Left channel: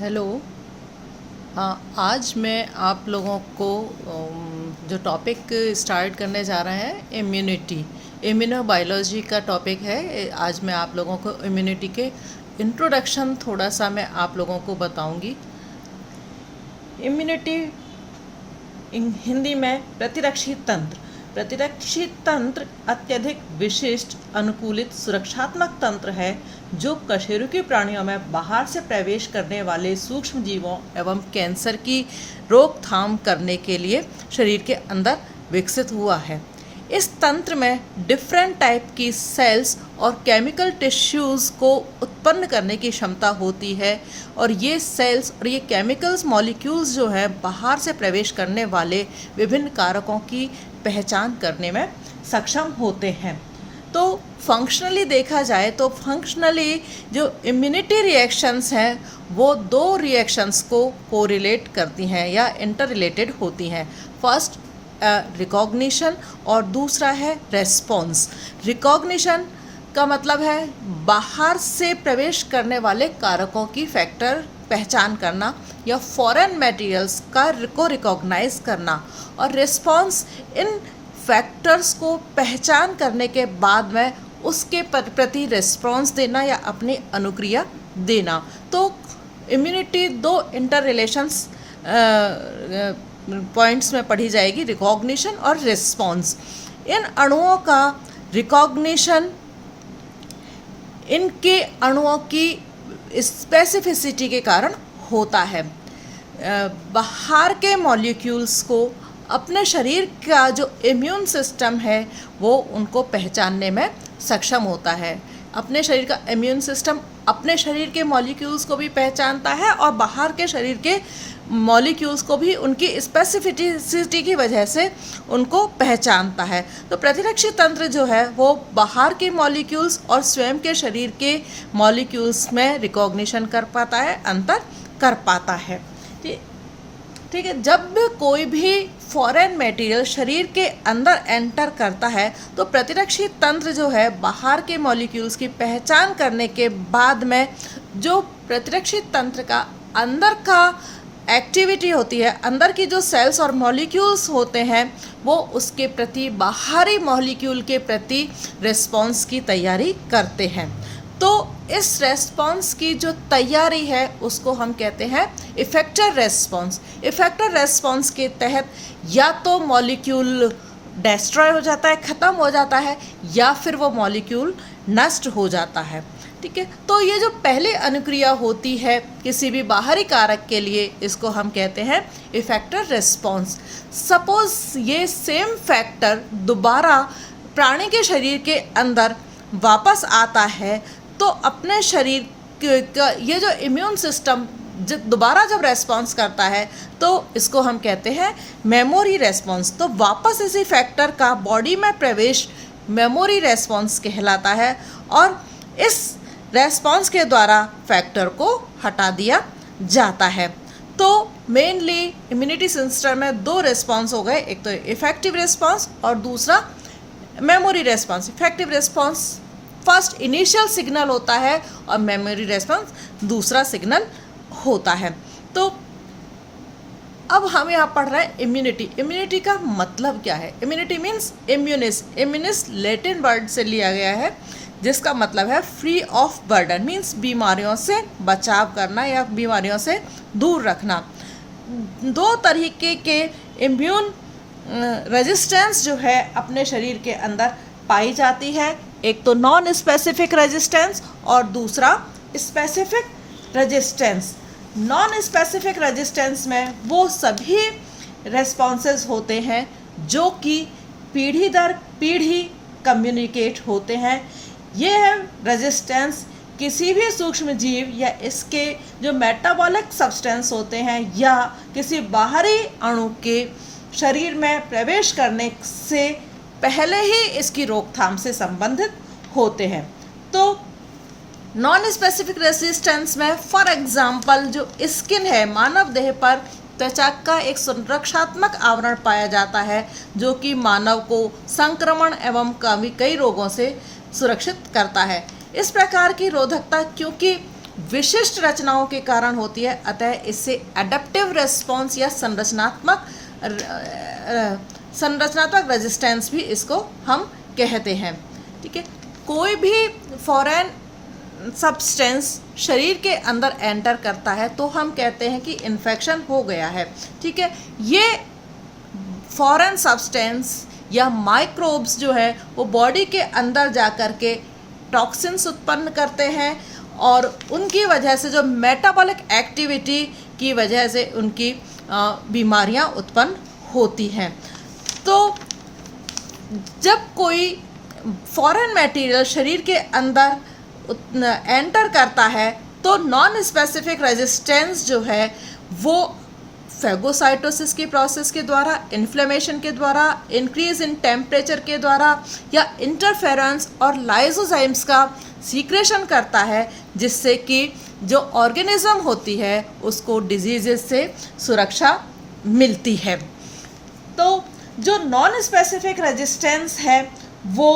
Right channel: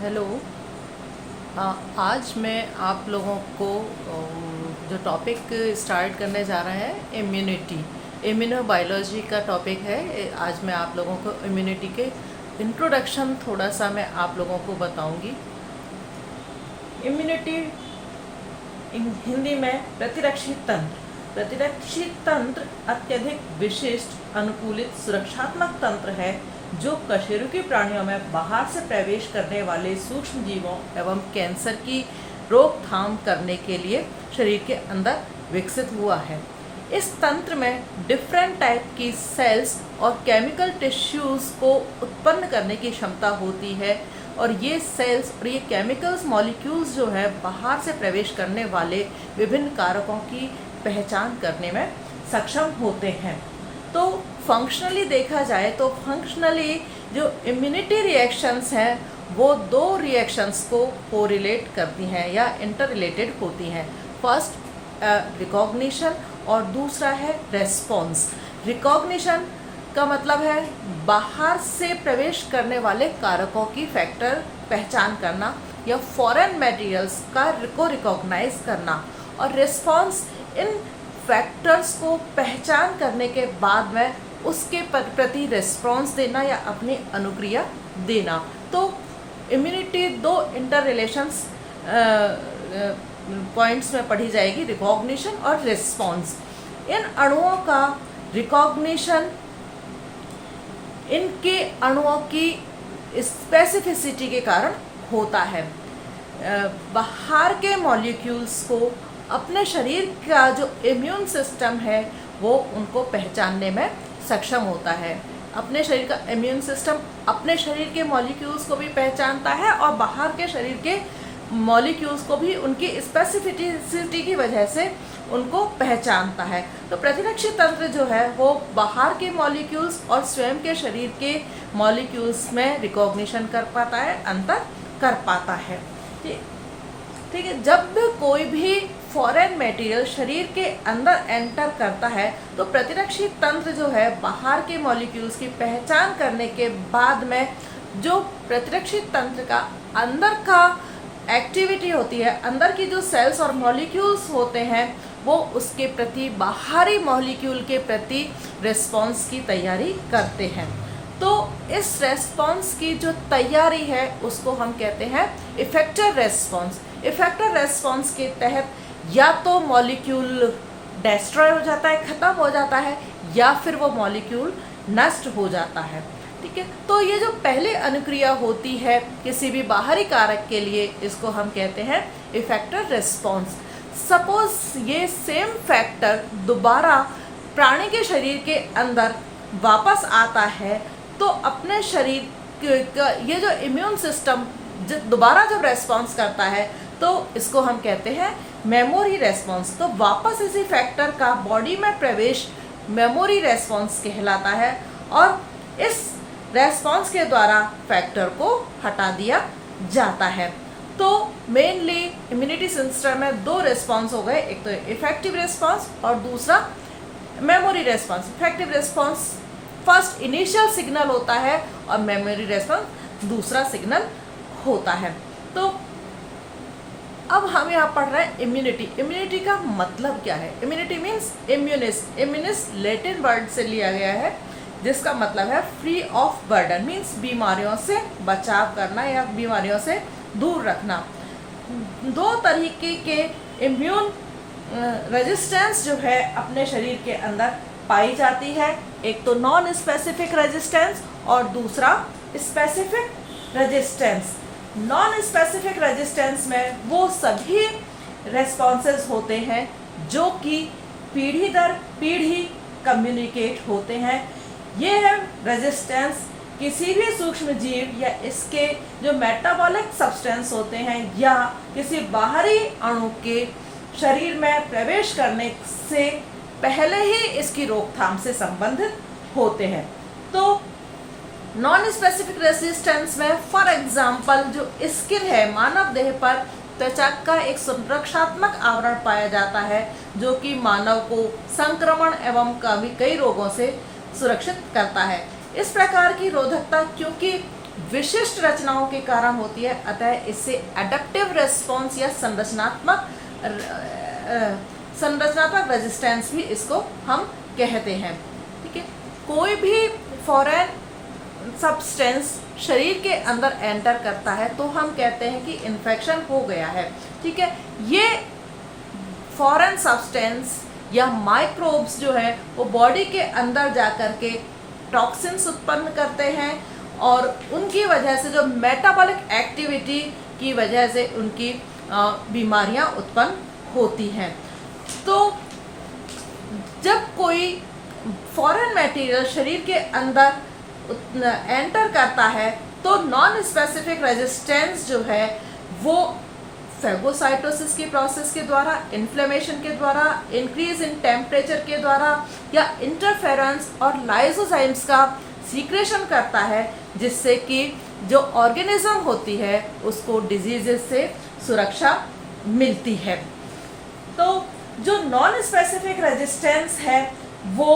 Hello. आज मैं आप लोगों को जो टॉपिक स्टार्ट करने जा रहे हैं इम्यूनिटी इम्यूनोबायोलॉजी का टॉपिक है। आज मैं आप लोगों को इम्यूनिटी के इंट्रोडक्शन थोड़ा सा मैं आप लोगों को बताऊंगी। इम्यूनिटी हिंदी में प्रतिरक्षी तंत्र। प्रतिरक्षी तंत्र अत्यधिक विशिष्ट अनुकूलित सुरक्षात्मक तंत्र है जो कशेरुकी प्राणियों में बाहर से प्रवेश करने वाले सूक्ष्म जीवों एवं कैंसर की रोकथाम करने के लिए शरीर के अंदर विकसित हुआ है। इस तंत्र में डिफरेंट टाइप की सेल्स और केमिकल टिश्यूज़ को उत्पन्न करने की क्षमता होती है और ये सेल्स और ये केमिकल्स मॉलिक्यूल्स जो है बाहर से प्रवेश करने वाले विभिन्न कारकों की पहचान करने में सक्षम होते हैं। तो फंक्शनली देखा जाए तो फंक्शनली जो इम्यूनिटी रिएक्शंस हैं वो दो रिएक्शंस को कोरिलेट करती हैं या इंटर रिलेटेड होती हैं। फर्स्ट रिकॉग्निशन और दूसरा है रेस्पॉन्स। रिकॉग्निशन का मतलब है बाहर से प्रवेश करने वाले कारकों की फैक्टर पहचान करना या फॉरेन मटेरियल्स को रिकॉग्नाइज करना, और रिस्पॉन्स इन फैक्टर्स को पहचान करने के बाद में उसके प्रति रिस्पॉन्स देना या अपनी अनुक्रिया देना। तो इम्यूनिटी दो इंटर रिलेशंस पॉइंट्स में पढ़ी जाएगी, रिकॉग्निशन और रिस्पॉन्स। इन अणुओं का रिकॉग्निशन इनके अणुओं की स्पेसिफिसिटी के कारण होता है। बाहर के मॉलिक्यूल्स को अपने शरीर का जो इम्यून सिस्टम है वो उनको पहचानने में सक्षम होता है। अपने शरीर का इम्यून सिस्टम अपने शरीर के मॉलिक्यूल्स को भी पहचानता है और बाहर के शरीर के मॉलिक्यूल्स को भी उनकी स्पेसिफिसिटी की वजह से उनको पहचानता है। तो प्रतिरक्षी तंत्र जो है वो बाहर के मॉलिक्यूल्स और स्वयं के शरीर के मॉलिक्यूल्स में रिकॉग्निशन कर पाता है, अंतर कर पाता है। ठीक है। जब कोई भी फॉरेन मटेरियल शरीर के अंदर एंटर करता है तो प्रतिरक्षी तंत्र जो है बाहर के मॉलिक्यूल्स की पहचान करने के बाद में जो प्रतिरक्षी तंत्र का अंदर का एक्टिविटी होती है, अंदर की जो सेल्स और मॉलिक्यूल्स होते हैं वो उसके प्रति बाहरी मॉलिक्यूल के प्रति रिस्पॉन्स की तैयारी करते हैं। तो इस रेस्पॉन्स की जो तैयारी है उसको हम कहते हैं इफेक्टर रेस्पॉन्स। इफेक्टर रेस्पॉन्स के तहत या तो मॉलिक्यूल डिस्ट्रॉय हो जाता है, ख़त्म हो जाता है, या फिर वो मॉलिक्यूल नष्ट हो जाता है। ठीक है। तो ये जो पहले अनुक्रिया होती है किसी भी बाहरी कारक के लिए, इसको हम कहते हैं इफेक्टर रेस्पॉन्स। सपोज ये सेम फैक्टर दोबारा प्राणी के शरीर के अंदर वापस आता है तो अपने शरीर का ये जो इम्यून सिस्टम दोबारा जब रेस्पॉन्स करता है तो इसको हम कहते हैं मेमोरी रेस्पॉन्स। तो वापस इसी फैक्टर का बॉडी में प्रवेश मेमोरी रेस्पॉन्स कहलाता है और इस रेस्पॉन्स के द्वारा फैक्टर को हटा दिया जाता है। तो मेनली इम्यूनिटी सिस्टम में दो रेस्पॉन्स हो गए, एक तो इफेक्टिव रेस्पॉन्स और दूसरा memory response. Effective response first initial signal होता है और मेमोरी रेस्पॉन्स दूसरा सिग्नल होता है। तो अब हम यहाँ पढ़ रहे हैं इम्यूनिटी। इम्यूनिटी का मतलब क्या है? इम्यूनिटी मीन्स इम्यूनिस। इम्यूनिस लैटिन वर्ड से लिया गया है जिसका मतलब है फ्री ऑफ बर्डन, मीन्स बीमारियों से बचाव करना या बीमारियों से दूर रखना। दो तरीके के इम्यून रेजिस्टेंस जो है अपने शरीर के अंदर पाई जाती है, एक तो नॉन स्पेसिफिक रेजिस्टेंस और दूसरा specific resistance. Non specific resistance में वो सभी रेस्पॉन्सेस होते हैं जो कि पीढ़ी दर पीढ़ी कम्युनिकेट होते हैं। ये है रेजिस्टेंस किसी भी सूक्ष्म जीव या इसके जो मेटाबॉलिक सब्सटेंस होते हैं या किसी बाहरी अणु के शरीर में प्रवेश करने से पहले ही इसकी रोकथाम से संबंधित होते हैं। तो नॉन स्पेसिफिक रेजिस्टेंस में फॉर एग्जांपल जो स्किन है, मानव देह पर त्वचा का एक सुरक्षात्मक आवरण पाया जाता है जो कि मानव को संक्रमण एवं कई रोगों से सुरक्षित करता है। इस प्रकार की रोधकता क्योंकि विशिष्ट रचनाओं के कारण होती है, अतः इससे एडेप्टिव रिस्पॉन्स या संरचनात्मक रेजिस्टेंस भी इसको हम कहते हैं। ठीक है, कोई भी फॉरेन सब्सटेंस शरीर के अंदर एंटर करता है तो हम कहते हैं कि इन्फेक्शन हो गया है। ठीक है, ये फॉरेन सब्सटेंस या माइक्रोब्स जो है वो बॉडी के अंदर जा कर के टॉक्सिन्स उत्पन्न करते हैं और उनकी वजह से जो मेटाबॉलिक एक्टिविटी की वजह से उनकी बीमारियां उत्पन्न होती हैं। तो जब कोई फॉरेन मटेरियल शरीर के अंदर एंटर करता है तो नॉन स्पेसिफिक रेजिस्टेंस जो है वो फैगोसाइटोसिस की प्रोसेस के द्वारा, इन्फ्लेमेशन के द्वारा, इंक्रीज इन टेम्परेचर के द्वारा या इंटरफेरेंस और लाइसोजाइम्स का सीक्रेशन करता है, जिससे कि जो ऑर्गेनिज्म होती है उसको डिजीजेस से सुरक्षा मिलती है। तो जो नॉन स्पेसिफिक रेजिस्टेंस है वो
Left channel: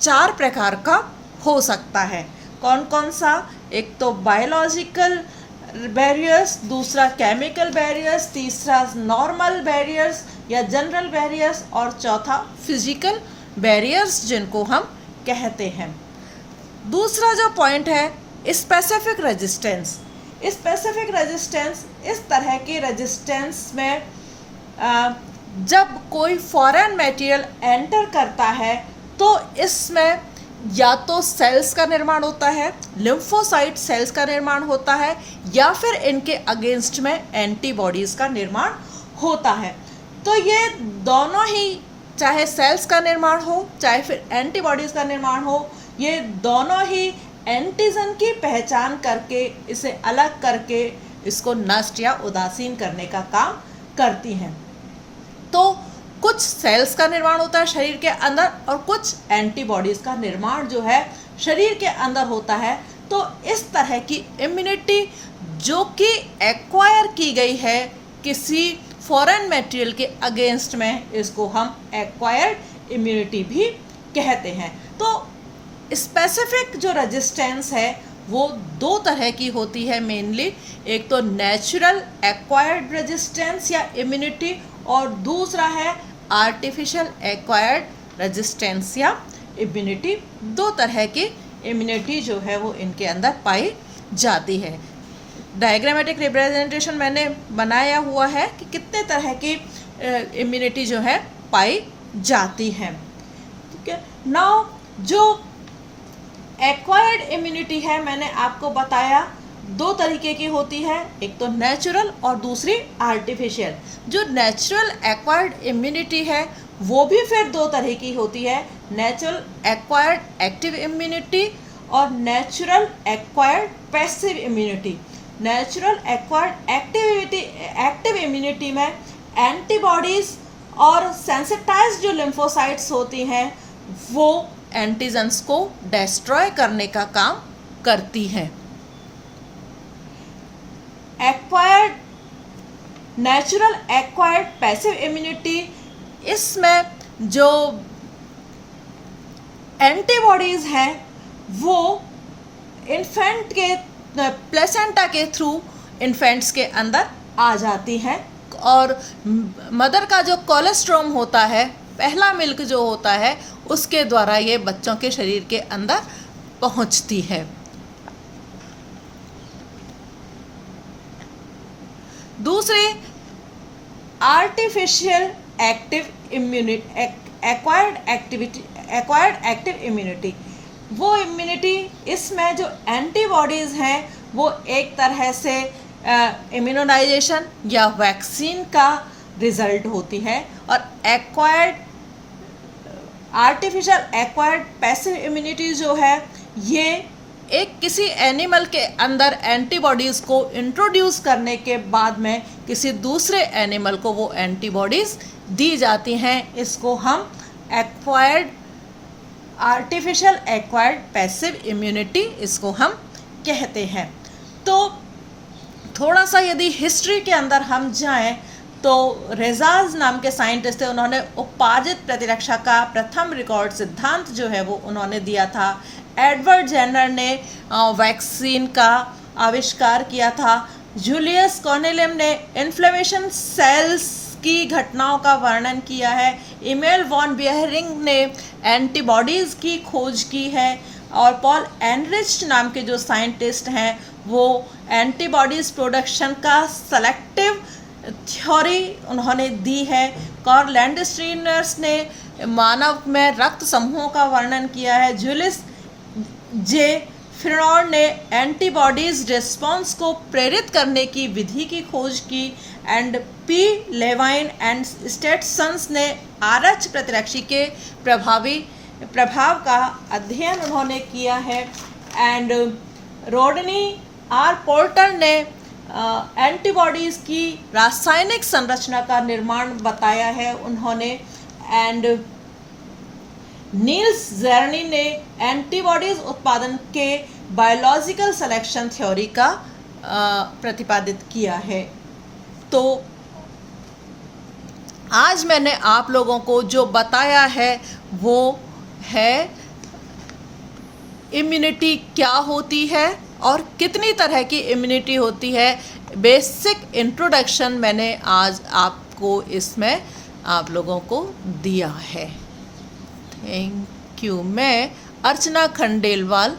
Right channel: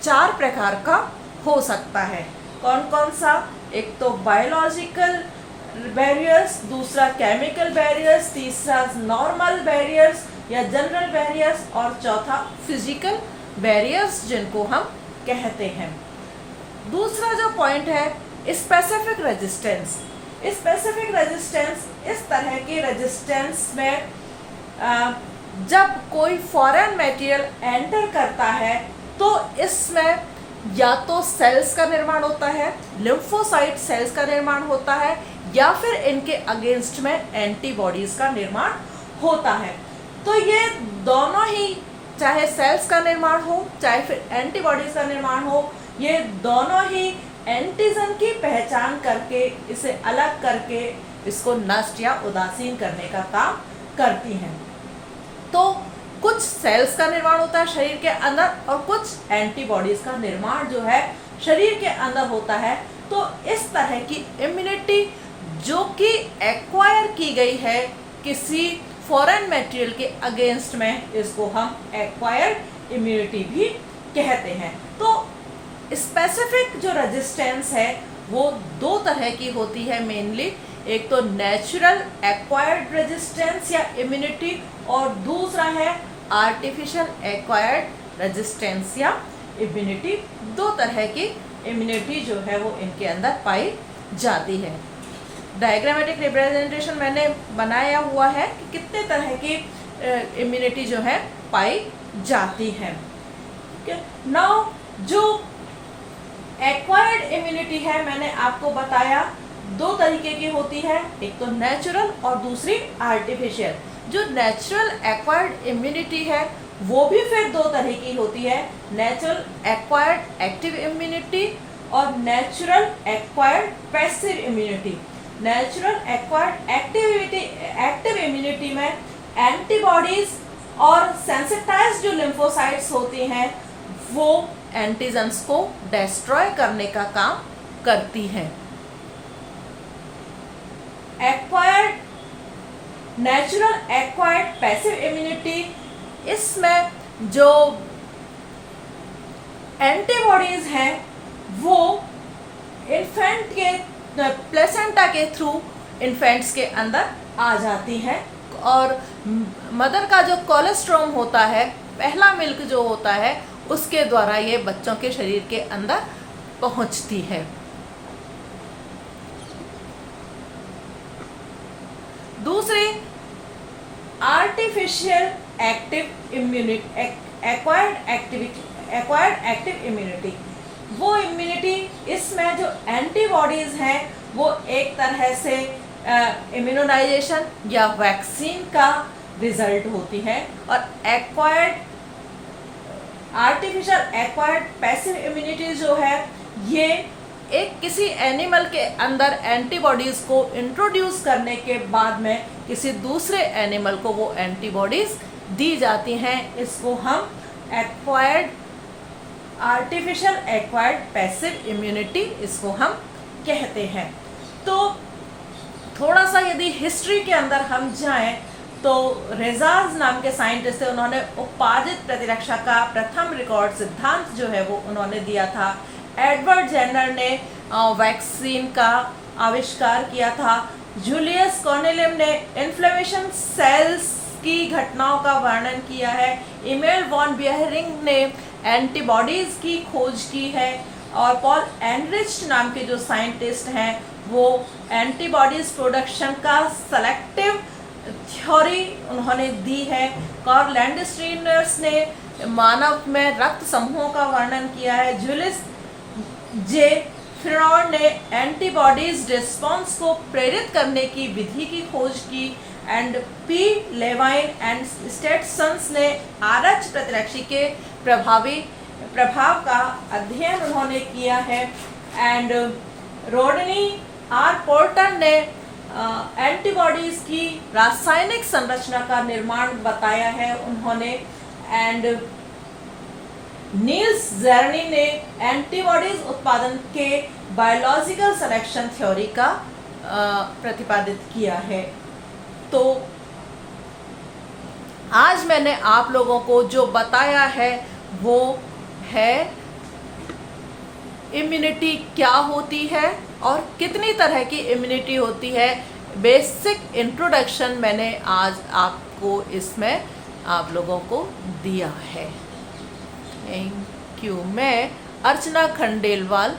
4 प्रकार का हो सकता है। कौन कौन सा? एक तो बायोलॉजिकल बैरियर्स, दूसरा केमिकल बैरियर्स, तीसरा नॉर्मल बैरियर्स या जनरल बैरियर्स और चौथा फिजिकल बैरियर्स जिनको हम कहते हैं। दूसरा जो पॉइंट है स्पेसिफिक रेजिस्टेंस। स्पेसिफिक रेजिस्टेंस इस तरह के रेजिस्टेंस में जब कोई फॉरेन मटेरियल एंटर करता है तो इसमें या तो सेल्स का निर्माण होता है, लिम्फोसाइट सेल्स का निर्माण होता है, या फिर इनके अगेंस्ट में एंटीबॉडीज का निर्माण होता है। तो ये दोनों ही, चाहे सेल्स का निर्माण हो चाहे फिर एंटीबॉडीज का निर्माण हो, ये दोनों ही एंटीजन की पहचान करके इसे अलग करके इसको नष्ट या उदासीन करने का काम करती हैं। तो कुछ सेल्स का निर्माण होता है शरीर के अंदर और कुछ एंटीबॉडीज का निर्माण जो है शरीर के अंदर होता है। तो इस तरह की इम्यूनिटी जो कि एक्वायर की गई है किसी फॉरेन मटेरियल के अगेंस्ट में, इसको हम एक्वायर्ड इम्यूनिटी भी कहते हैं। तो स्पेसिफिक जो रेजिस्टेंस है वो 2 तरह की होती है मेनली। एक तो नेचुरल एक्वायर्ड रेजिस्टेंस या इम्यूनिटी और दूसरा है आर्टिफिशियल एक्वायर्ड रेजिस्टेंस या इम्यूनिटी। 2 तरह की इम्यूनिटी जो है वो इनके अंदर पाई जाती है। डायग्रामेटिक रिप्रेजेंटेशन मैंने बनाया हुआ है कि कितने तरह की इम्यूनिटी जो है पाई जाती है। ठीक है, नाउ जो एक्वायर्ड इम्यूनिटी है मैंने आपको बताया 2 तरीके की होती है, एक तो नेचुरल और दूसरी आर्टिफिशियल। जो नेचुरल एक्वायर्ड इम्यूनिटी है वो भी फिर 2 तरह की होती है, नेचुरल एक्वायर्ड एक्टिव इम्यूनिटी और natural acquired passive immunity. Natural acquired active immunity में एंटीबॉडीज और सेंसिटाइज्ड जो लिम्फोसाइट्स होती हैं वो एंटीजन्स को डिस्ट्रॉय करने का काम करती हैं। Acquired natural acquired passive immunity, इसमें जो एंटीबॉडीज हैं वो इन्फेंट के प्लेसेंटा के थ्रू इन्फेंट्स के अंदर आ जाती हैं और मदर का जो कोलेस्ट्रॉम होता है, पहला मिल्क जो होता है, उसके द्वारा ये बच्चों के शरीर के अंदर पहुंचती है। दूसरे artificial active immunity, acquired active immunity, वो इम्यूनिटी इसमें जो एंटीबॉडीज हैं वो एक तरह से इम्यूनाइजेशन या वैक्सीन का रिजल्ट होती है। और आर्टिफिशियल एक्वायर्ड पैसिव इम्यूनिटी जो है ये एक किसी एनिमल के अंदर एंटीबॉडीज़ को इंट्रोड्यूस करने के बाद में किसी दूसरे एनिमल को वो एंटीबॉडीज़ दी जाती हैं। इसको हम आर्टिफिशियल एक्वायर्ड पैसिव इम्यूनिटी इसको हम कहते हैं। तो थोड़ा सा यदि हिस्ट्री के अंदर हम जाएं तो रेजाज नाम के साइंटिस्ट थे, उन्होंने उपाजित प्रतिरक्षा का प्रथम रिकॉर्ड सिद्धांत जो है वो उन्होंने दिया था। एडवर्ड जेनर ने वैक्सीन का आविष्कार किया था। जूलियस कॉर्नेलियम ने इन्फ्लेमेशन सेल्स की घटनाओं का वर्णन किया है। इमेल वॉन बियरिंग ने एंटीबॉडीज़ की खोज की है। और पॉल एनरिच नाम के जो साइंटिस्ट हैं वो एंटीबॉडीज़ प्रोडक्शन का सेलेक्टिव थ्योरी उन्होंने दी है। कार्ल लैंडस्टीनर्स ने मानव में रक्त समूहों का वर्णन किया है। जूलियस जे फ्रिनॉन ने एंटीबॉडीज रिस्पॉन्स को प्रेरित करने की विधि की खोज की। एंड पी लेवाइन एंड स्टेटसन्स ने आरएच प्रतिरक्षी के प्रभाव का अध्ययन उन्होंने किया है। एंड रोडनी आर पोर्टर ने एंटीबॉडीज़ की रासायनिक संरचना का निर्माण बताया है उन्होंने। एंड नील्स जेरनी ने एंटीबॉडीज उत्पादन के बायोलॉजिकल सिलेक्शन थ्योरी का प्रतिपादित किया है। तो आज मैंने आप लोगों को जो बताया है वो है इम्यूनिटी क्या होती है और कितनी तरह की इम्यूनिटी होती है। बेसिक इंट्रोडक्शन मैंने आज आपको इसमें आप लोगों को दिया है। Thank you. मैं अर्चना खंडेलवाल